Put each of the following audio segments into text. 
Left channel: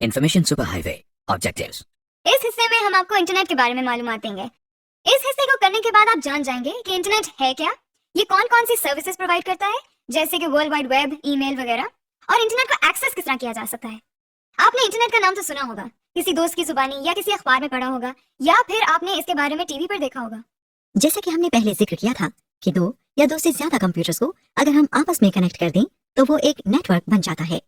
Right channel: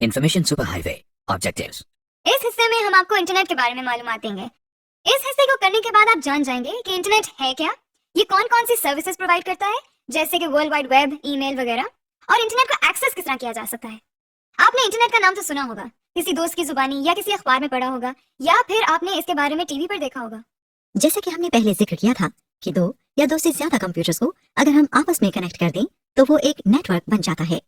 Information super highway objectives. इस हिस्से में हम आपको इंटरनेट के बारे में मालूमात देंगे। इस हिस्से को करने के बाद आप जान जाएंगे कि इंटरनेट है क्या, ये कौन कौन सी सर्विसेज प्रोवाइड करता है, जैसे कि वर्ल्ड वाइड वेब, ईमेल वगैरह, और इंटरनेट का एक्सेस किस तरह किया जा सकता है। आपने इंटरनेट का नाम तो सुना होगा, किसी दोस्त की जुबानी या किसी अखबार में पढ़ा होगा, या फिर आपने इसके बारे में टीवी पर देखा होगा। जैसा कि हमने पहले जिक्र किया था कि दो या दो से ज्यादा कंप्यूटर्स को अगर हम आपस में कनेक्ट कर दें तो वो एक नेटवर्क बन जाता है।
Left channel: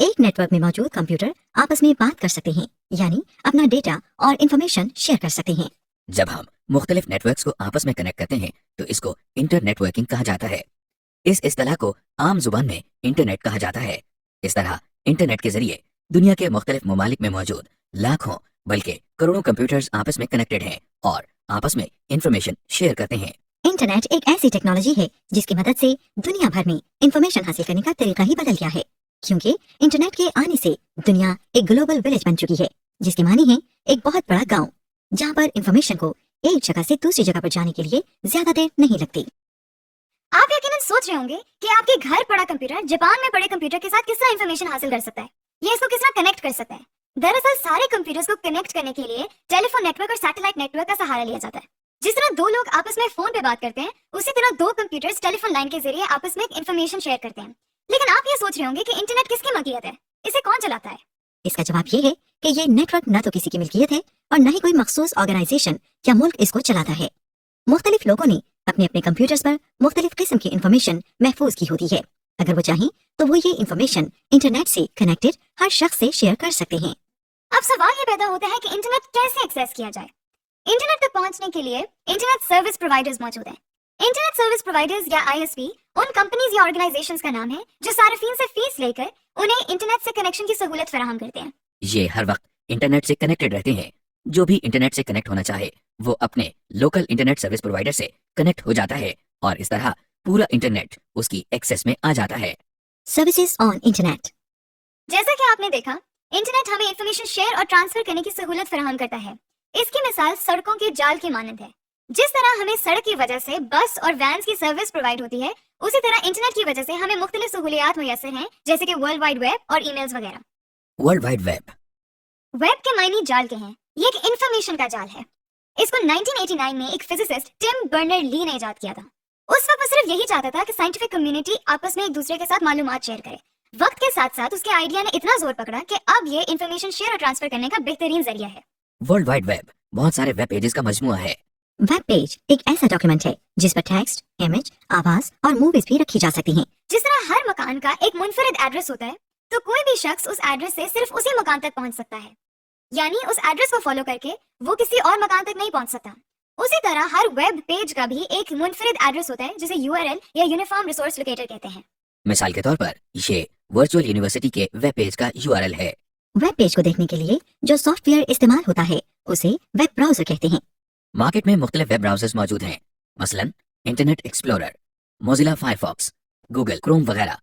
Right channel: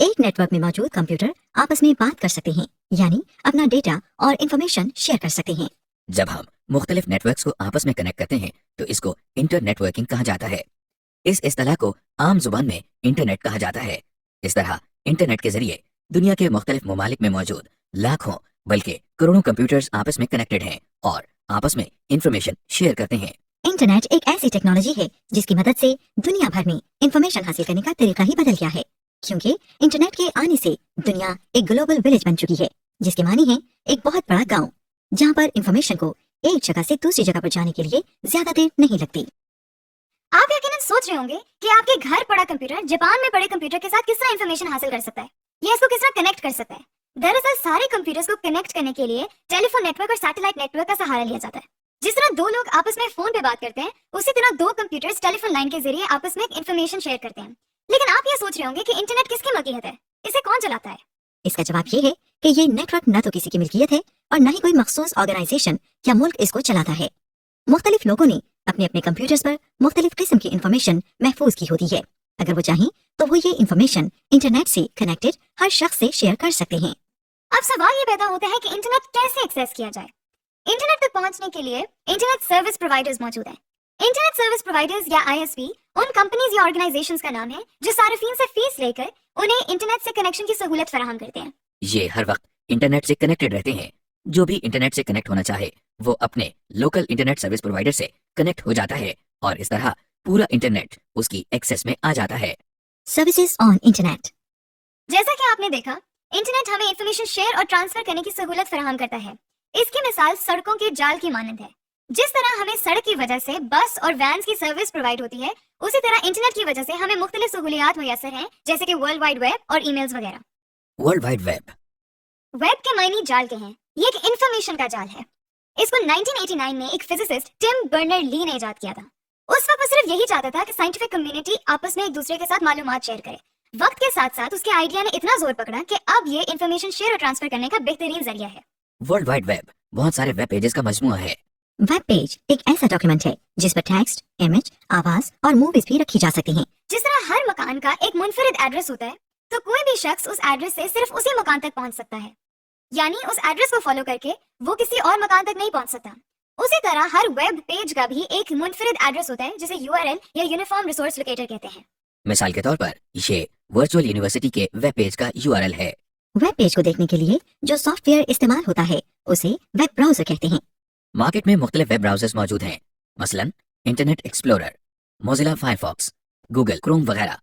एक नेटवर्क में मौजूद कंप्यूटर आपस में बात कर सकते हैं, यानी अपना डेटा और इंफॉर्मेशन शेयर कर सकते हैं। जब हम मुख्तलिफ नेटवर्क्स को आपस में कनेक्ट करते हैं तो इसको इंटरनेटवर्किंग कहा जाता है। इस इस्तिलाह को आम जुबान में इंटरनेट कहा जाता है। इस तरह इंटरनेट के जरिए दुनिया के मुख्तलिफ ममालिक में मौजूद लाखों बल्कि करोड़ों कंप्यूटर्स आपस में कनेक्टेड हैं और आपस में इंफॉर्मेशन शेयर करते हैं। इंटरनेट एक ऐसी टेक्नोलॉजी है जिसकी मदद से दुनिया भर में इंफॉर्मेशन हासिल करने का तरीका ही बदल गया है, क्योंकि इंटरनेट के आने से दुनिया एक ग्लोबल विलेज बन चुकी है, जिसके मानी है एक बहुत बड़ा गांव, जहां पर इंफॉर्मेशन को एक जगह से दूसरी जगह पर जाने के लिए ज्यादा देर नहीं लगती। आप यकीनन सोच रहे होंगे कि आपके घर पड़ा कंप्यूटर जापान में पड़े कंप्यूटर के साथ किस तरह इंफॉर्मेशन हासिल कर सकता है, या इसको किस तरह कनेक्ट कर सकता है। दरअसल सारे कंप्यूटर्स को कनेक्ट करने के लिए टेलीफोन नेटवर्क और सैटेलाइट नेटवर्क का सहारा लिया जाता है। जिस तरह दो लोग आपस में फोन पे बात करते हैं, उसी तरह दो कंप्यूटर्स टेलीफोन लाइन के जरिए आपस में इंफॉर्मेशन शेयर करते हैं। लेकिन आप ये सोच रहे होंगे कि इंटरनेट किसकी मलकियत है, इसे कौन चलाता है। इसका जवाब ये है कि ये नेटवर्क न तो किसी की मिल्कियत है और न ही कोई मखसूस ऑर्गेनाइजेशन या मुल्क इसको चलाता है। मुख्तलिफ लोगों ने अपने अपने कंप्यूटर्स पर मुख्तलिफ किस्म की इंफॉर्मेशन महफूज की होती है। अगर वो चाहें तो वो ये इंफॉर्मेशन इंटरनेट से कनेक्टेड हर शख्स से शेयर कर सकते हैं। अब सवाल ये पैदा होता है कि इंटरनेट कैसे एक्सेस किया जाए। इंटरनेट तक पहुंचने के लिए इंटरनेट सर्विस प्रोवाइडर्स मौजूद हैं। इंटरनेट सर्विस प्रोवाइडर्स या आईएसपी उन कंपनीज या ऑर्गेनाइजेशंस का नाम है जो सार्फिन से फीस लेकर उन्हें इंटरनेट से कनेक्शन की सहूलत फराहम करते हैं। ये हर वक्त इंटरनेट से कनेक्टेड रहते हैं। जो भी इंटरनेट से कनेक्ट होना चाहे वो अपने लोकल इंटरनेट सर्विस प्रोवाइडर से कनेक्ट हो जाता है और इस तरह पूरा इंटरनेट उसकी एक्सेस में आ जाता है। Services on internet. जैसा कि आपने देखा, इंटरनेट हमें इंफॉर्मेशन शेयर और ट्रांसफर करने की सहूलत फराहम करता है। इसकी मिसाल सड़कों के जाल की मानंद है। जिस तरह हमें सड़क की वजह से बस और वैन्स की सर्विस प्रोवाइड होती है, उसी तरह इंटरनेट की वजह से हमें मुख्तलिफ सहूलियात मुयस्सर हैं, जैसे कि वर्ल्ड वाइड वेब और ईमेल्स वगैरह। वर्ल्ड वाइड वेब वेब के मायने जाल के हैं। ये एक इंफॉर्मेशन का जाल है। इसको 1989 में एक फिजिसिस्ट टिम बर्नर ली ने इजाद किया था। उस वक्त वो सिर्फ यही चाहता था कि साइंटिफिक कम्युनिटी आपस में एक दूसरे के साथ मालूमात शेयर करे। वक्त के साथ साथ उसके आइडिया ने इतना जोर पकड़ा कि अब ये इंफॉर्मेशन शेयर और ट्रांसफर करने का बेहतरीन जरिया है। वर्ल्ड वाइड वेब बहुत सारे वेब पेजेस का मजमूआ है। वेब पेज एक ऐसा डॉक्यूमेंट है जिस पर टेक्स्ट, इमेज, आवाज और मूवीज भी रखी जा सकती हैं। जिस तरह हर मकान का एक मुनफरिद एड्रेस होता है, तो कोई भी शख्स उस एड्रेस से सिर्फ उसी मकान तक पहुंच सकता है, यानी उस एड्रेस को फॉलो करके वो किसी और मकान तक नहीं पहुंच सकता। उसी तरह हर वेब पेज का भी एक मुनफरिद एड्रेस होता है जिसे यूआरएल या यूनिफॉर्म रिसोर्स लोकेटर कहते हैं। मिसाल के तौर पर ये वर्चुअल यूनिवर्सिटी के वेब पेज का यूआरएल है। वेब पेज को देखने के लिए जो सॉफ्टवेयर इस्तेमाल होता है उसे वेब ब्राउजर कहते हैं। मार्केट में मुख्तलिफ वेब ब्राउजर्स मौजूद हैं, मसलन internet explorer, Mozilla Firefox, Google Chrome वगैरह।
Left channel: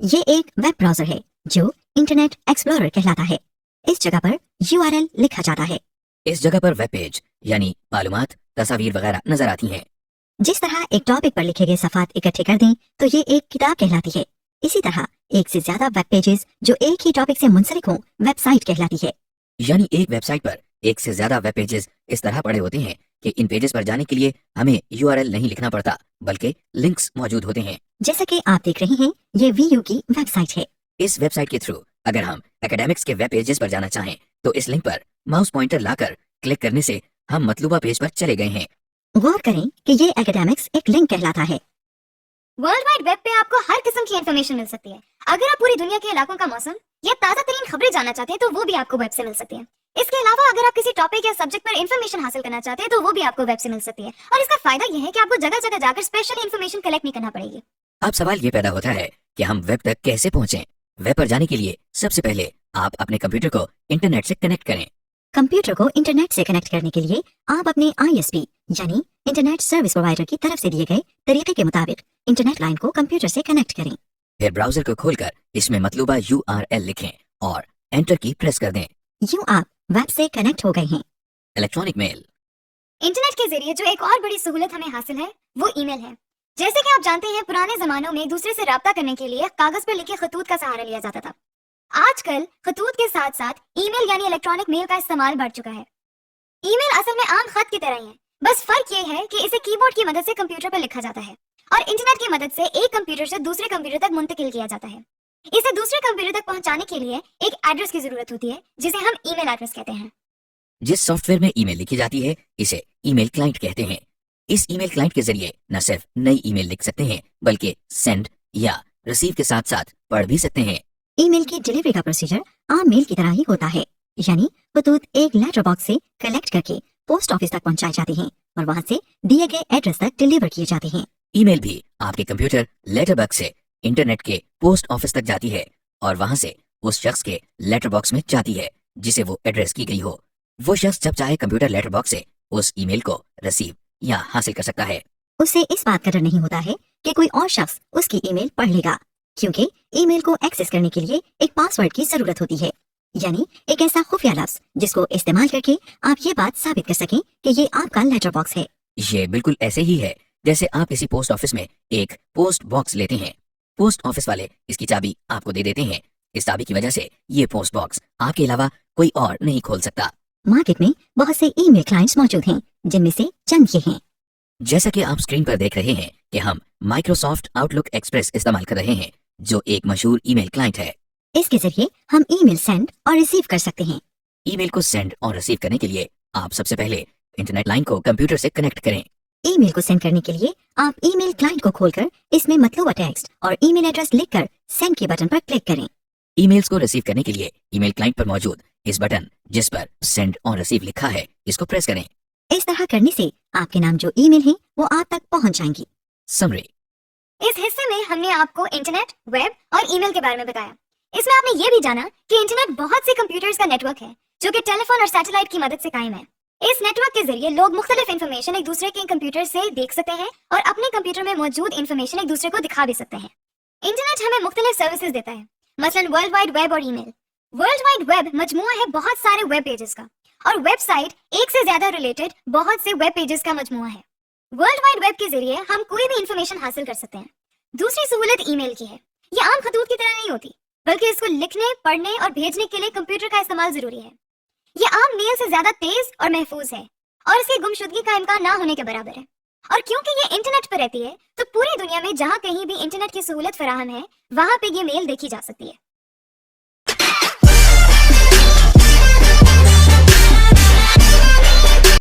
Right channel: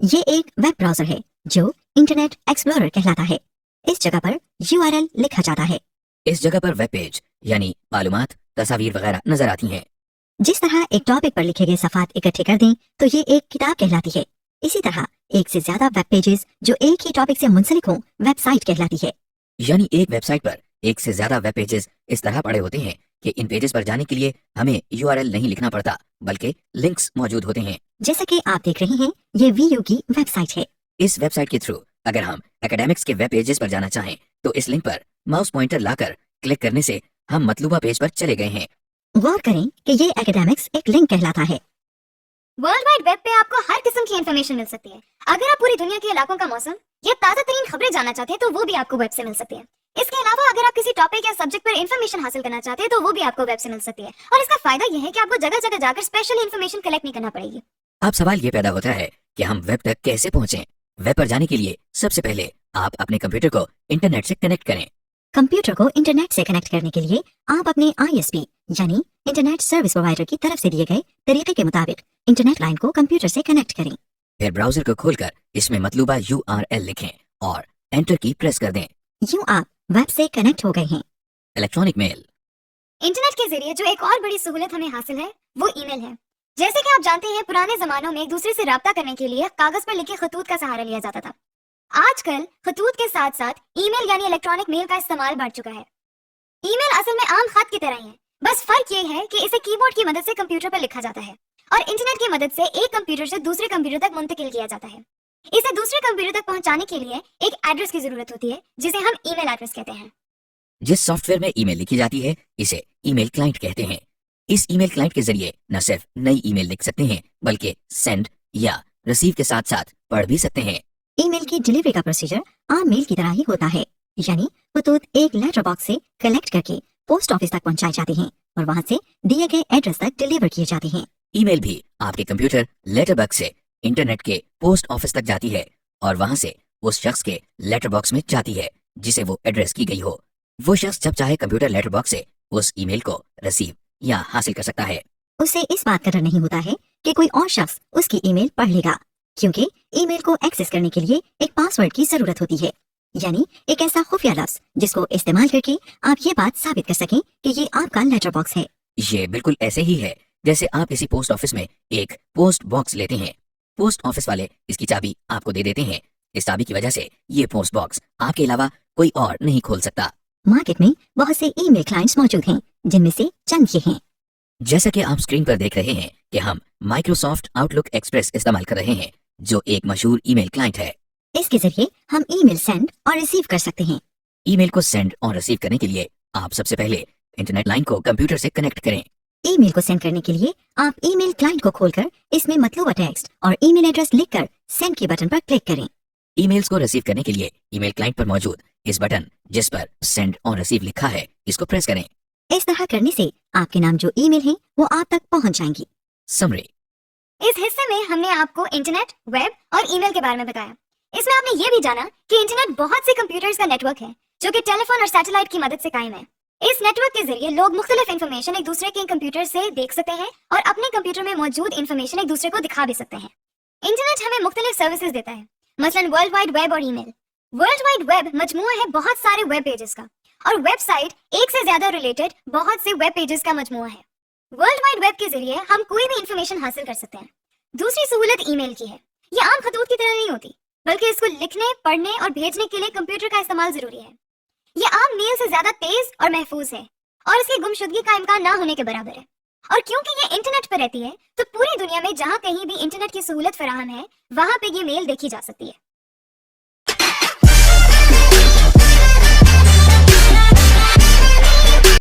ये एक वेब ब्राउजर है जो इंटरनेट एक्सप्लोरर कहलाता है। इस जगह पर यूआरएल लिखा जाता है। इस जगह पर वेब पेज यानी मालूमात, तस्वीर वगैरह नजर आती हैं। जिस तरह एक टॉपिक पर लिखे गए सफ़ात इकट्ठे कर दें तो ये एक किताब कहलाती है, इसी तरह एक से ज्यादा वेब पेजेस जो एक ही टॉपिक से मुंसलिक हों वेबसाइट कहलाती है। यानी एक वेबसाइट पर एक से ज्यादा वेब पेजेस इस तरह पड़े होते हैं कि इन पेजेस पर जाने के लिए हमें यूआरएल नहीं लिखना पड़ता, बल्कि लिंक्स मौजूद होते हैं। जैसा कि आप देख रहे हैं, ये वीयू की वेबसाइट है। इस वेबसाइट के थ्रू अगर हम एकेडमिक्स के वेब पेजेस पर जाना चाहें तो इस लिंक पर माउस पॉइंटर लाकर क्लिक करने से हम मतलूबा पेज पर चले गए हैं। गौर करें कि ये एकेडमिक्स एक लिंक कहलाता है। वर्ल्ड वाइड वेब पे आपको हर किस्म की इंफॉर्मेशन मिल सकती है। अगर आप पूरी दुनिया के इलाकों का मौसम या ताज़ा तरीन खबरें जानना चाहते हैं तो वो भी आपको वेब से मिल सकती है। इसके अलावा अगर आप किसी टॉपिक या सब्जेक्ट पर इंफॉर्मेशन हासिल करना चाहते हैं तो वो भी आपको वेब से मिल सकती है। और इसका फायदा यह है कि आपको जगह जगह जाकर स्पेशल इंफॉर्मेशन कलेक्ट नहीं करना पड़ेगी। अब सवाल ये पैदा होता है कि हम वेब तक कैसे पहुंचे। वेब पर जाने के लिए सबसे पहले आप अपने कंप्यूटर को इंटरनेट से कनेक्ट करें। कंप्यूटर को इंटरनेट से कनेक्ट करने के लिए आप अपने आईएसपी यानी इंटरनेट सर्विस प्रोवाइडर की तरफ से दिए गए तरीके के मुताबिक इंटरनेट लाइन को कंप्यूटर से कनेक्ट करें। फिर ब्राउजर को खोलकर इसमें मतलूबा यूआरएल लिखें और एंटर की प्रेस कर दें। यूं आप वेब से कनेक्ट हो गए हैं। Electronic mail. इंटरनेट के जरिए जो एक और बड़ी सहूलत हमें हासिल है वो ईमेल है। जैसे कि आप जानते हैं, पुराने जमानों में एक दूसरे से राब्ता करने के लिए कागज पर लिखे खतूत का सहारा लिया जाता था। आजकल खतूत के साथ साथ ईमेल यानी इलेक्ट्रॉनिक मेल का इस्तेमाल बढ़ चुका है। ईमेल असल में आम खत की तरह ही है, बस फर्क ये है कि इसे कीबोर्ड की मदद से कंप्यूटर पर लिखा जाता है और इंटरनेट की मदद से एक कंप्यूटर से दूसरे कंप्यूटर तक मुंतकिल किया जाता है। इसे दूसरे कंप्यूटर तक पहुंचाने के लिए एक एड्रेस की जरूरत होती है जिसे हम ईमेल एड्रेस कहते हैं। जिस सॉफ्टवेयर में ईमेल लिखी जाती है इसे ईमेल क्लाइंट कहते हैं। इस ईमेल क्लाइंट के जरिए न सिर्फ नई ईमेल लिख सकते हैं बल्कि सेंड या रिसीव के साथ साथ पढ़ भी सकते हैं। ईमेल की डिलीवरी का प्रोसीजर आम मेल की तरह ही होता है, यानी खतूत एक लेटर बॉक्स से कलेक्ट करके पोस्ट ऑफिस तक पहुंचाए जाते हैं और वहां से दिए गए एड्रेस तक डिलीवर किए जाते हैं। ईमेल भी आपके कंप्यूटर लेटर बॉक्स से इंटरनेट के पोस्ट ऑफिस तक जाती है और वहां से उस शख्स के लेटर बॉक्स में जाती है जिसे वो एड्रेस की गई हो। वो शख्स जब चाहे कंप्यूटर लेटर बॉक्स से उस ईमेल को रिसीव या हासिल कर सकता है। उसे इस बात का डर नहीं होता है कि कोई और शख्स उसकी ईमेल पढ़ लेगा, क्योंकि ईमेल को एक्सेस करने के लिए एक पासवर्ड की जरूरत होती है, यानी एक ऐसा खुफिया लफ्ज जिसको इस्तेमाल करके आप ये बात साबित कर सकें कि ये आपका लेटर बॉक्स है। ये बिल्कुल ऐसे ही है जैसे आप किसी पोस्ट ऑफिस में एक पोस्ट बॉक्स लेते हैं। पोस्ट ऑफिस वाले इसकी चाबी आपको दे देते हैं। इस चाबी की वजह से ये पोस्ट बॉक्स आपके अलावा कोई और नहीं खोल सकता। मार्केट में बहुत से ईमेल क्लाइंट्स मौजूद हैं, जिनमें से चंद ये हैं। जैसा कि आप स्क्रीन पर देख रहे हैं कि हम माइक्रोसॉफ्ट आउटलुक एक्सप्रेस इस्तेमाल कर रहे हैं, जो एक मशहूर ईमेल क्लाइंट है। इसके जरिए हम ईमेल सेंड और रिसीव कर सकते हैं। ईमेल को सेंड और रिसीव करने के लिए आप सबसे पहले इंटरनेट लाइन को कंप्यूटर से कनेक्ट करें। ईमेल को सेंड करने के लिए आप ईमेल क्लाइंट को खोलकर इसमें मतलूबा टेक्स्ट और ईमेल एड्रेस लिखकर सेंड के बटन पर क्लिक करें। ईमेल्स को रिसीव करने के लिए ईमेल क्लाइंट पर मौजूद इस बटन जिस पर सेंड और रिसीव लिखा है इसको प्रेस करें। इस तरह करने से आपके नाम जो ईमेल है वो आप तक पहुंच जाएंगी। समरी। इस हिस्से में हमने आपको इंटरनेट, वेब और ईमेल के बारे में बताया। इसमें आपने ये भी जाना कि इंटरनेट बहुत से कंप्यूटर्स का नेटवर्क है जो कि टेलीफोन और सैटेलाइट की मदद से कायम है। इस नेटवर्क के जरिए लोग मुख्तलिफ इन्फॉर्मेशन एक दूसरे के कंप्यूटर से देख सकते हैं और अपने कंप्यूटर में मौजूद इन्फॉर्मेशन एक दूसरे को दिखा भी सकते हैं। इंटरनेट हमें मुख्तलिफ सर्विसेज देता है, मसलन वर्ल्ड वाइड वेब और ईमेल। वर्ल्ड वाइड वेब मजमूआ है बहुत सारे वेब पेजेस का और वेबसाइट एक से ज्यादा रिलेटेड बहुत से वेब पेजेस का मजमूआ है। वर्ल्ड वाइड वेब के जरिए हम कोई भी इंफॉर्मेशन हासिल कर सकते हैं। दूसरी सहूलत ईमेल की है। ये आम खतूत की तरह नहीं होती, बल्कि इसको लिखने, पढ़ने और भेजने के लिए कंप्यूटर का इस्तेमाल जरूरी है। ये आम मेल से ज्यादा तेज और महफूज है और इसकी गुमशुदगी का इम्कान ना होने के बराबर है। और क्योंकि ये इंटरनेट पर रहती है तो पूरी दुनिया में जहाँ कहीं भी इंटरनेट की सहूलत फराहम है वहाँ पे ये मेल देखी जा सकती है।